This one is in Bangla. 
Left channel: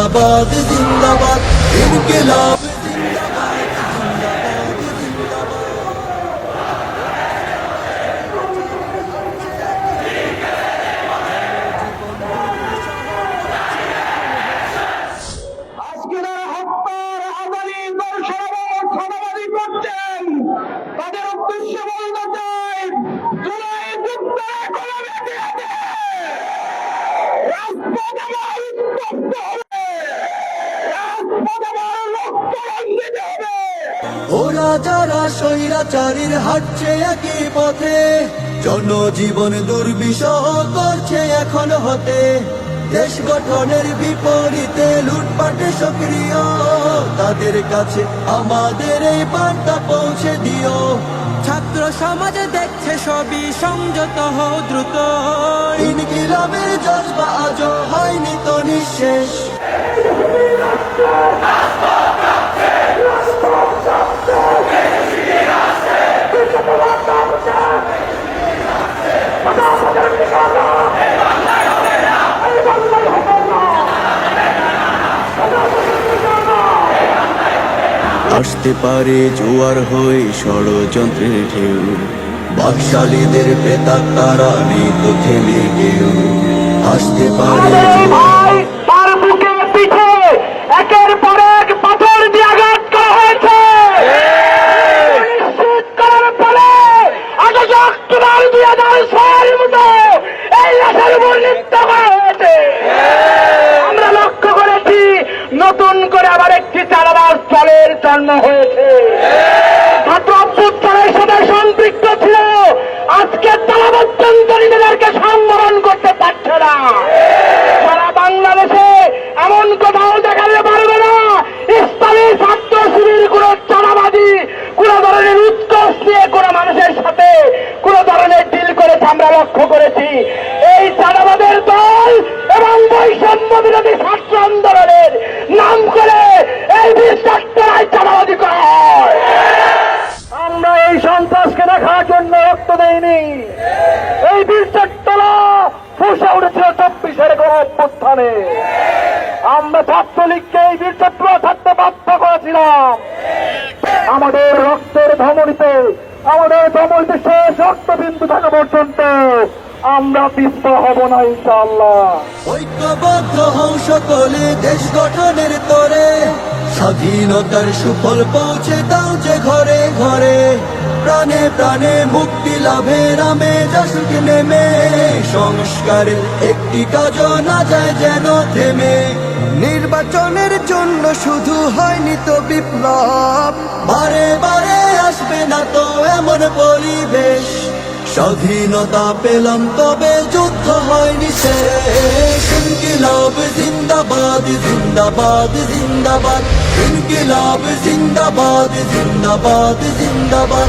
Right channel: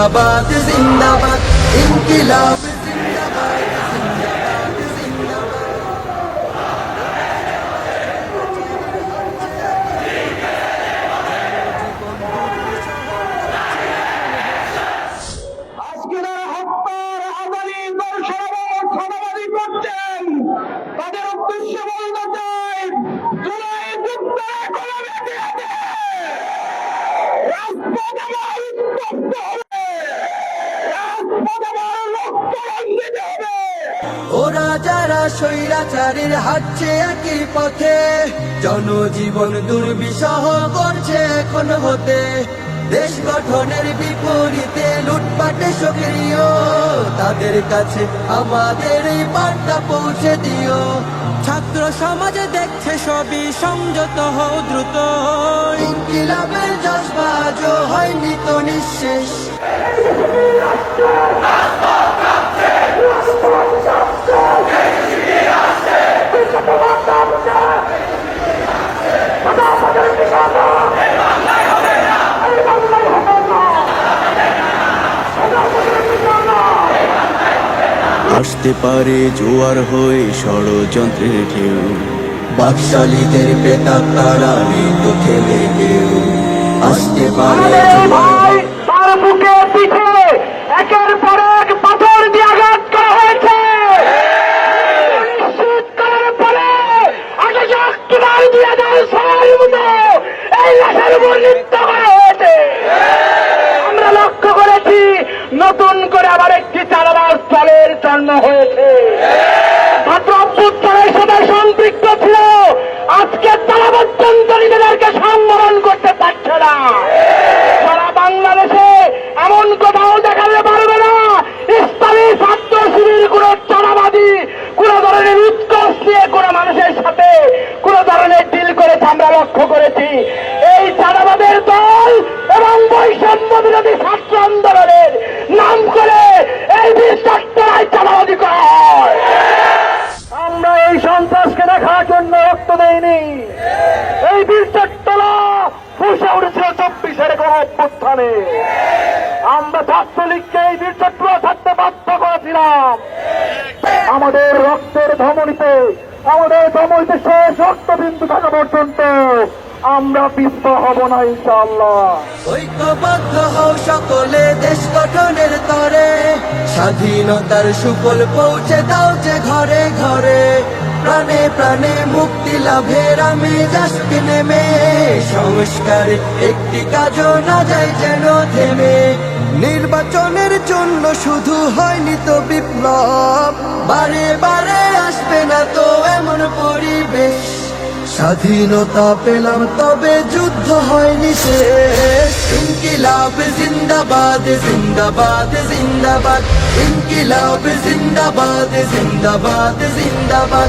জিন্দাবাদ জিন্দাবাদ ইনকিলাব স্বৈরাচারীর হাঁটছে একই পথে। জনজীবন দুর্বিষহ করছে এখন হতে। দেশ গঠনের বিপরীতে লুটপাটে সক্রিয়। তাদের কাছে আমাদের এই বার্তা পৌঁছে দিও। ছাত্র সমাজে দেখছে সবই সংযত হও দ্রুত। ইনকিলাবের জজবা হয়নি তো নিঃশেষ। আসতে পারে জোয়ার হয়ে ষড়যন্ত্রের ঢেউ। বাকশালীদের প্রেতাপ তারা নেই তো থেমে কেউ। আসতে পারে তার বুকে পিঠে একের পর এক পাথর দিয়ে আঘাত করা হয়েছে। নিশ্চিত করার পরে আগে শক্তিদার দিয়ে দেন সবাই মতো এই লাশের উপর নৃত্য করা হয়েছে। আমরা লক্ষ্য করেছি নতুন করে আবার একটি জন্ম হয়েছে। ছাত্র অভ্যুত্থানে সবাই সম্পৃক্ত ছিল। আজকে তারা অত্যন্তরীদেরকে সন্ত্রাসকে দেখার জন্য রক্ত দেইনি এই বীরটার তলা ফুসে উঠেছিল চব্বিশের গণ অভ্যুত্থানে। আমরা ছাত্রলীগকে এই বীরচক্র থাকতে বাধ্য করেছিলাম। আমাদের রক্তের ধমনীতে, আমাদের ধমনীতে শেষ রক্তবিন্দু থাকা পর্যন্ত আমরা পিস্ত হব না, ইনশাআল্লাহ। ঐক্যবদ্ধ হও সকলে দেশ গঠনের তরে। স্বাধীনতার সুফল পৌঁছে দাও যে ঘরে ঘরে। প্রাণে প্রাণে মুক্তি লাভের আমেজ আসবে নেমে। সংস্কারে একটি কাজও না যায় যেন থেমে। নির্বাচনের জন্য শুধু হয়নি তো বিপ্লব। বারে বারে আসবে না তো এমন পরিবেশ। স্বাধীনতা পেলাম তবে যুদ্ধ হয়নি শেষ। ইনকিলাব জিন্দাবাদ জিন্দাবাদ জিন্দাবাদ। ইনকিলাব জিন্দাবাদ জিন্দাবাদ জিন্দাবাদ।